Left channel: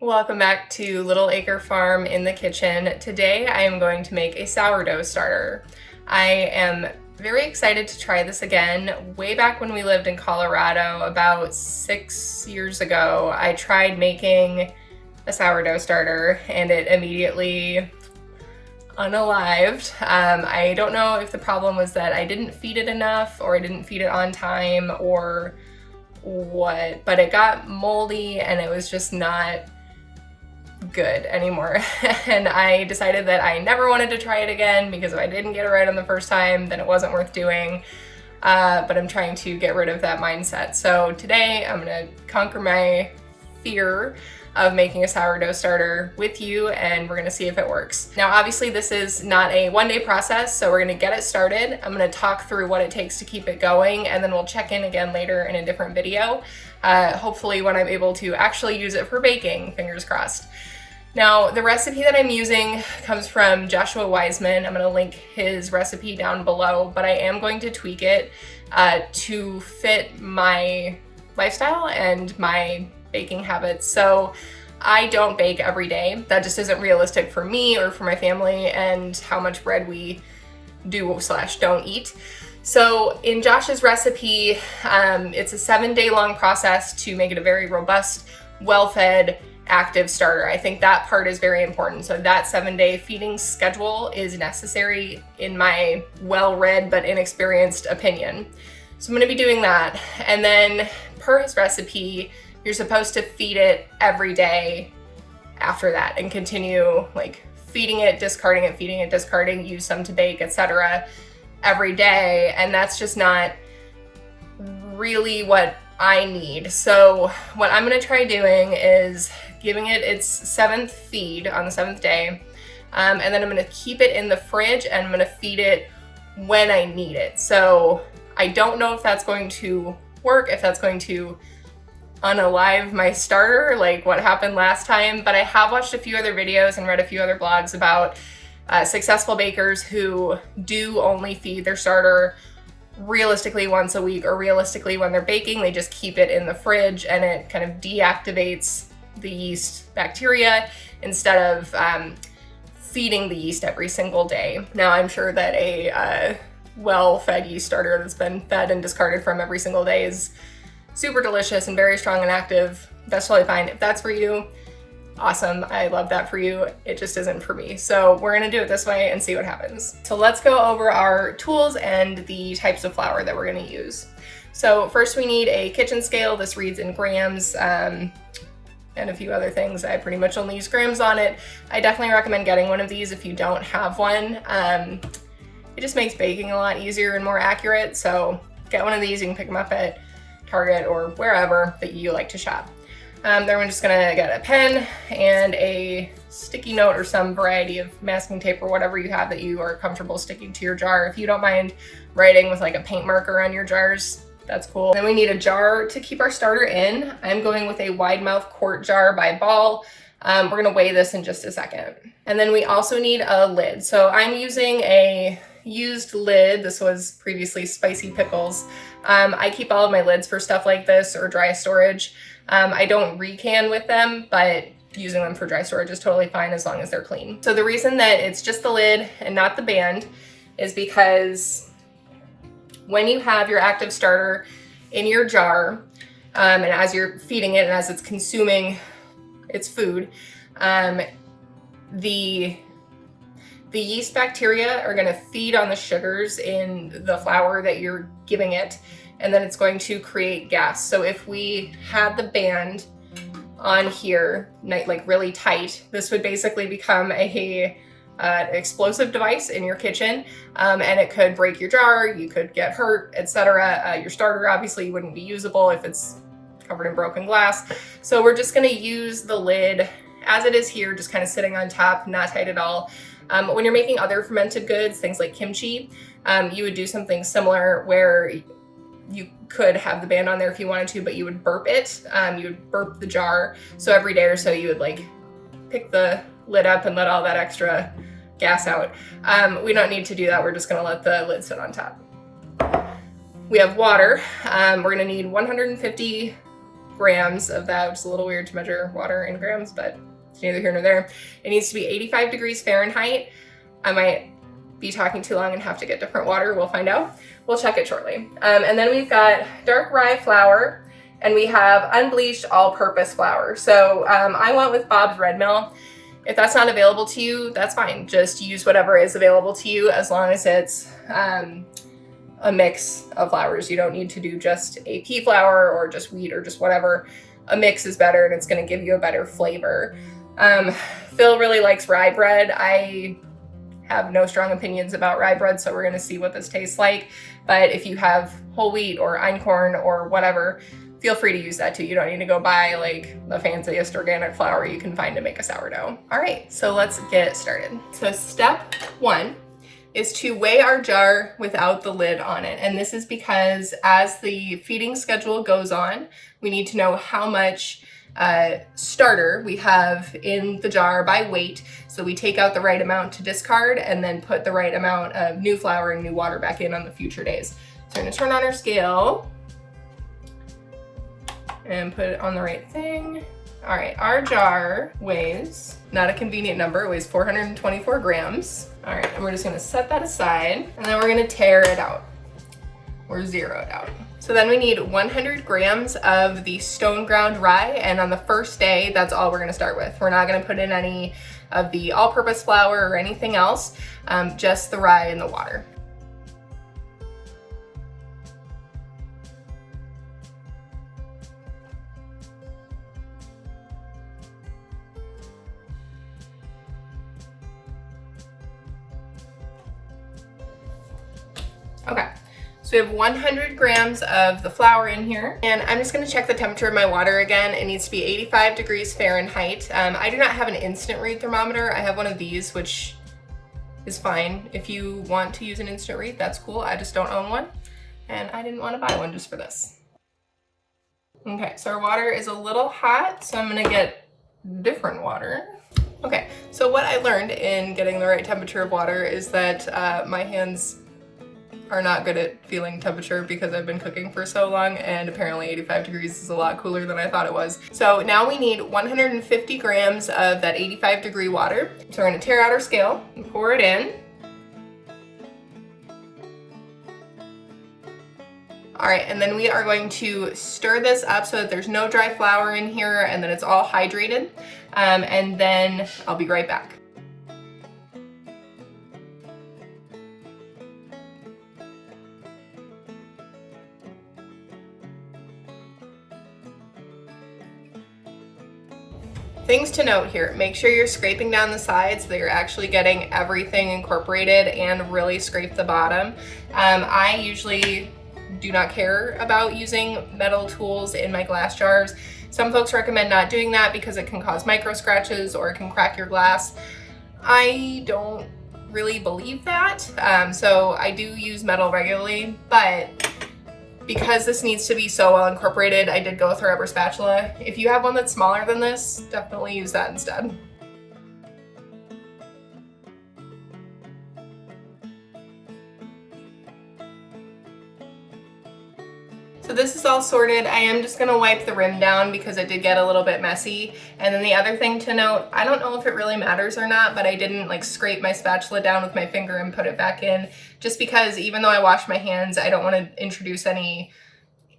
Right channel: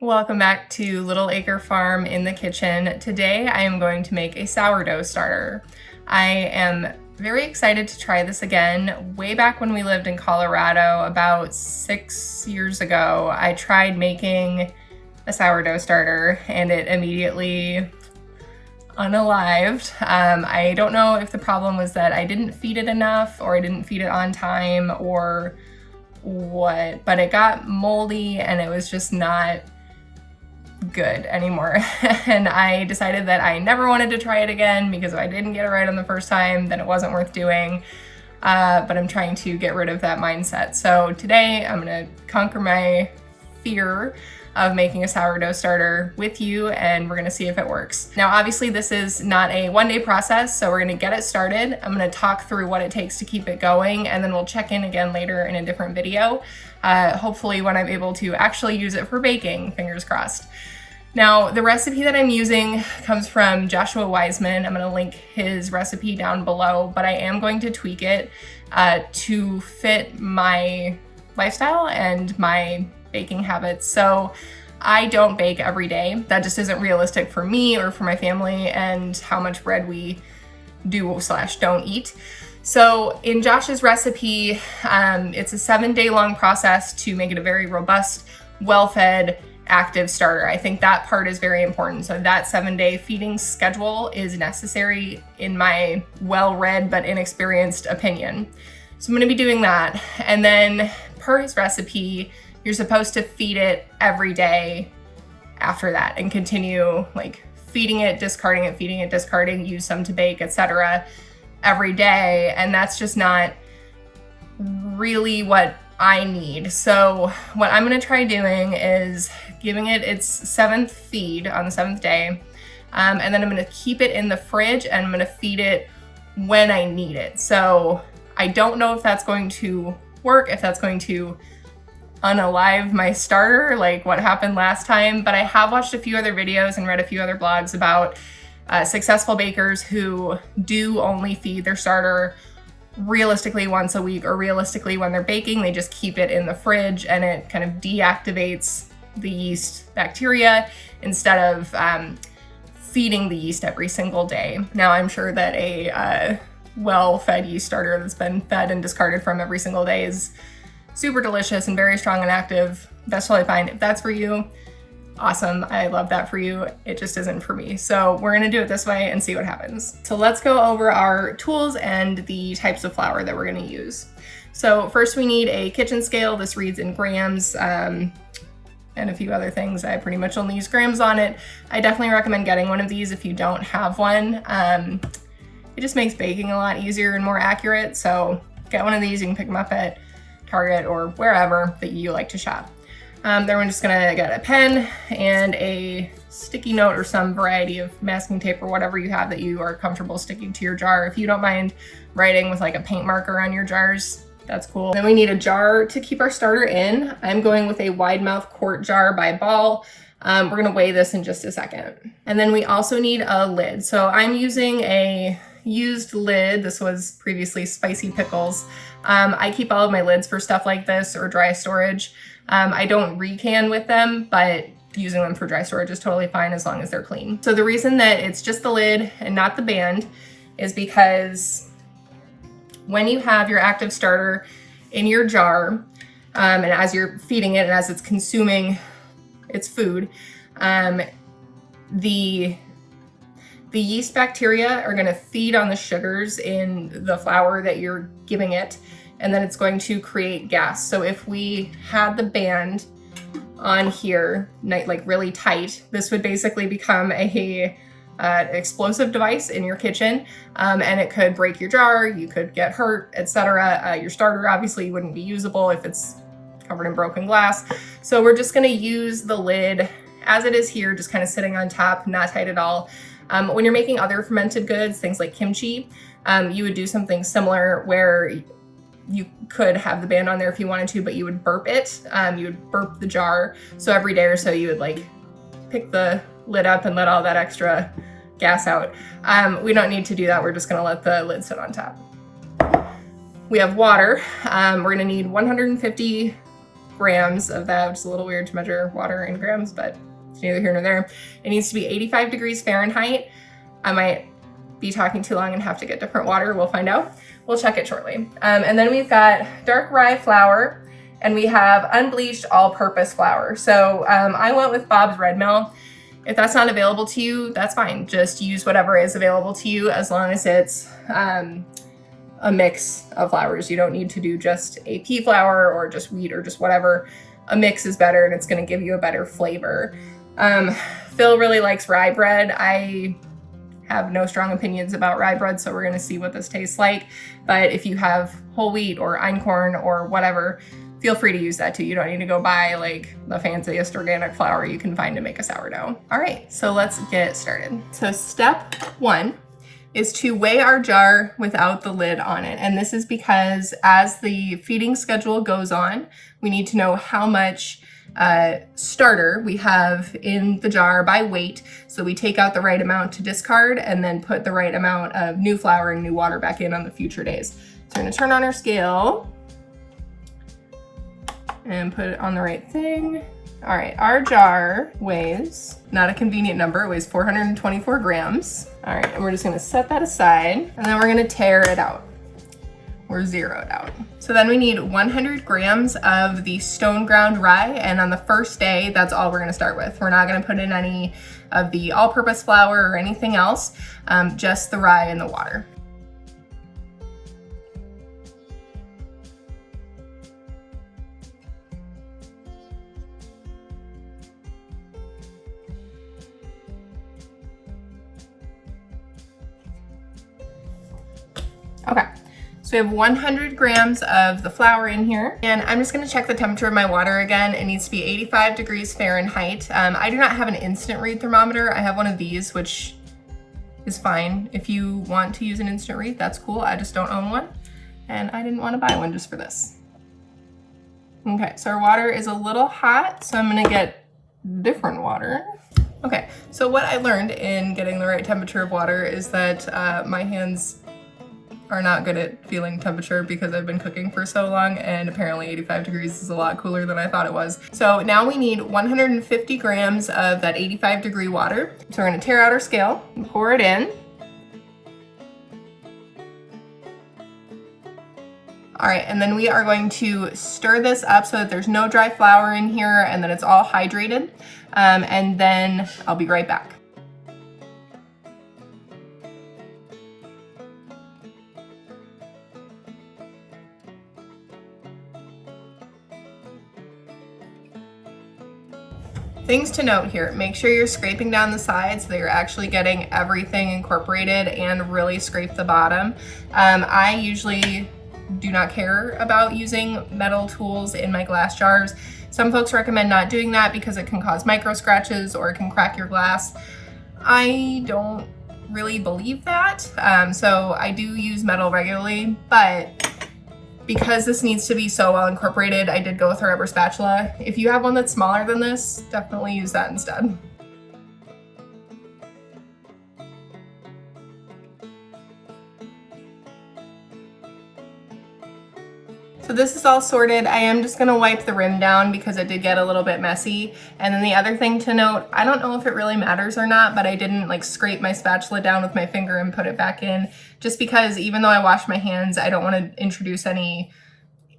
Welcome back to Little Acre Farm in the kitchen. Today I am going to make a sourdough starter. I am very excited to try this again. Way back when we lived in Colorado, about 6 years ago, I tried making a sourdough starter and it immediately unalived. I don't know if the problem was that I didn't feed it enough or I didn't feed it on time or what, but it got moldy and it was just not good anymore. And I decided that I never wanted to try it again because if I didn't get it right on the first time, then it wasn't worth doing. But I'm trying to get rid of that mindset. So today I'm gonna conquer my fear of making a sourdough starter with you, and we're gonna see if it works. Now, obviously this is not a one-day process, so we're gonna get it started. I'm gonna talk through what it takes to keep it going, and then we'll check in again later in a different video. Hopefully when I'm able to actually use it for baking, fingers crossed. Now, the recipe that I'm using comes from Josh Weissman. I'm gonna link his recipe down below, but I am going to tweak it to fit my lifestyle and my baking habits. So I don't bake every day. That just isn't realistic for me or for my family and how much bread we do/don't eat. So in Josh's recipe, it's a 7-day long process to make it a very robust, well-fed, active starter. I think that part is very important. So that 7-day feeding schedule is necessary in my well-read but inexperienced opinion. So I'm gonna be doing that. And then per his recipe, you're supposed to feed it every day after that and continue like feeding it, discarding it, feeding it, discarding, use some to bake, etc. every day. And that's just not really what I need. So what I'm gonna try doing is giving it its 7th feed on the 7th day. And then I'm gonna keep it in the fridge and I'm gonna feed it when I need it. So I don't know if that's going to work, if that's going to unalive my starter like what happened last time, but I have watched a few other videos and read a few other blogs about successful bakers who do only feed their starter realistically once a week, or realistically when they're baking, they just keep it in the fridge and it kind of deactivates the yeast bacteria instead of feeding the yeast every single day. Now, I'm sure that a well-fed yeast starter that's been fed and discarded from every single day is super delicious and very strong and active. That's totally fine. If that's for you, awesome. I love that for you. It just isn't for me. So we're gonna do it this way and see what happens. So let's go over our tools and the types of flour that we're gonna use. So first we need a kitchen scale. This reads in grams and a few other things. I pretty much only use grams on it. I definitely recommend getting one of these if you don't have one. It just makes baking a lot easier and more accurate. So get one of these. You can pick them up at Target or wherever that you like to shop. Then we're just gonna get a pen and a sticky note or some variety of masking tape or whatever you have that you are comfortable sticking to your jar. If you don't mind writing with like a paint marker on your jars, that's cool. Then we need a jar to keep our starter in. I'm going with a wide mouth quart jar by Ball. We're gonna weigh this in just a second. And then we also need a lid. So I'm using a used lid. This was previously Spicy Pickles. I keep all of my lids for stuff like this or dry storage. I don't recan with them, but using them for dry storage is totally fine as long as they're clean. So the reason that it's just the lid and not the band is because when you have your active starter in your jar, and as you're feeding it and as it's consuming its food, the yeast bacteria are gonna feed on the sugars in the flour that you're giving it, and then it's going to create gas. So if we had the band on here, like really tight, this would basically become a explosive device in your kitchen, and it could break your jar, you could get hurt, etc. Your starter obviously wouldn't be usable if it's covered in broken glass. So we're just gonna use the lid as it is here, just kind of sitting on top, not tight at all. When you're making other fermented goods, things like kimchi, you would do something similar where you could have the band on there if you wanted to, but you would burp it. You would burp the jar. So every day or so you would like pick the lid up and let all that extra gas out. We don't need to do that. We're just gonna let the lid sit on top. We have water. We're gonna need 150 grams of that, which is a little weird to measure water in grams, but it's neither here nor there. It needs to be 85 degrees Fahrenheit. I might be talking too long and have to get different water. We'll find out. We'll check it shortly. And then we've got dark rye flour, and we have unbleached all-purpose flour. So I went with Bob's Red Mill. If that's not available to you, that's fine. Just use whatever is available to you as long as it's a mix of flours. You don't need to do just AP flour or just wheat or just whatever. A mix is better and it's gonna give you a better flavor. Phil really likes rye bread. I have no strong opinions about rye bread, so we're gonna see what this tastes like. But if you have whole wheat or einkorn or whatever, feel free to use that too. You don't need to go buy like the fanciest organic flour you can find to make a sourdough. All right, so let's get started. So step one is to weigh our jar without the lid on it. And this is because as the feeding schedule goes on, we need to know how much starter we have in the jar by weight, so we take out the right amount to discard and then put the right amount of new flour and new water back in on the future days. So I'm gonna turn on our scale and put it on the right thing. All right, our jar weighs, not a convenient number, it weighs 424 grams. All right, and we're just gonna set that aside, and then we're gonna tare it out. We're zeroed out. So then we need 100 grams of the stone ground rye, and on the first day, that's all we're gonna start with. We're not gonna put in any of the all-purpose flour or anything else, just the rye and the water. Okay, so we have 100 grams of the flour in here, and I'm just gonna check the temperature of my water again. It needs to be 85 degrees Fahrenheit. I do not have an instant read thermometer. I have one of these, which is fine. If you want to use an instant read, that's cool. I just don't own one, and I didn't wanna buy one just for this. Okay, so our water is a little hot, so I'm gonna get different water. Okay, so what I learned in getting the right temperature of water is that my hands are not good at feeling temperature because I've been cooking for so long, and apparently 85 degrees is a lot cooler than I thought it was. So now we need 150 grams of that 85 degree water. So we're gonna tear out our scale and pour it in. All right, and then we are going to stir this up so that there's no dry flour in here and that it's all hydrated. And then I'll be right back. Things to note here, make sure you're scraping down the sides so that you're actually getting everything incorporated, and really scrape the bottom. I usually do not care about using metal tools in my glass jars. Some folks recommend not doing that because it can cause micro scratches or it can crack your glass. I don't really believe that, so I do use metal regularly, but because this needs to be so well incorporated, I did go with a rubber spatula. If you have one that's smaller than this, definitely use that instead. So this is all sorted. I am just gonna wipe the rim down because it did get a little bit messy. And then the other thing to note, I don't know if it really matters or not, but I didn't like scrape my spatula down with my finger and put it back in, just because even though I washed my hands, I don't wanna introduce any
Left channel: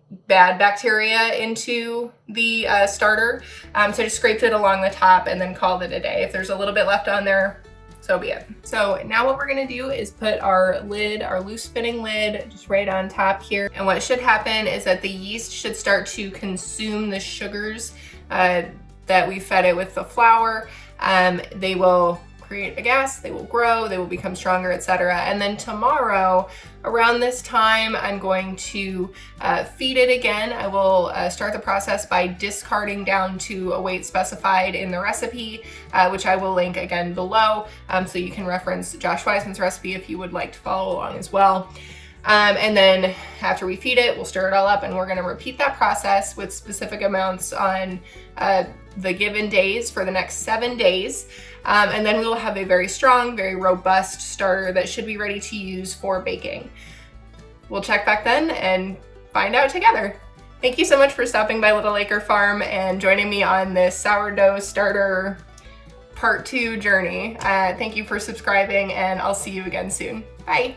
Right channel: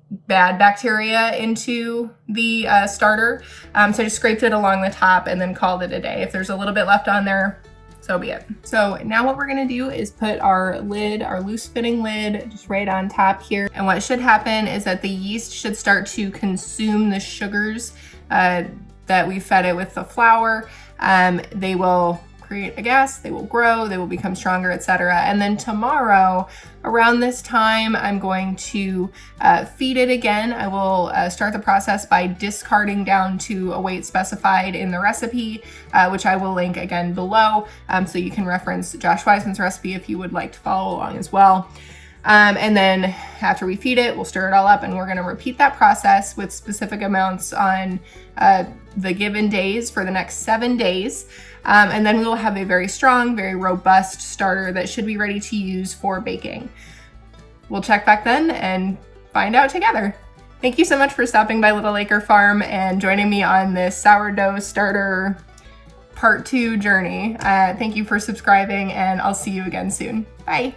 bad bacteria into the starter. So I just scraped it along the top and then called it a day. If there's a little bit left on there, so be it. So now what we're gonna do is put our lid, our loose fitting lid, just right on top here. And what should happen is that the yeast should start to consume the sugars that we fed it with the flour. They will create a gas, they will grow, they will become stronger, etc. And then tomorrow, around this time, I'm going to feed it again. I will start the process by discarding down to a weight specified in the recipe, which I will link again below, so you can reference Josh Weissman's recipe if you would like to follow along as well. And then after we feed it, we'll stir it all up, and we're gonna repeat that process with specific amounts on the given days for the next 7 days. And then we will have a very strong, very robust starter that should be ready to use for baking. We'll check back then and find out together. Thank you so much for stopping by Little Acre Farm and joining me on this sourdough starter part 2 journey. Thank you for subscribing, and I'll see you again soon. Bye.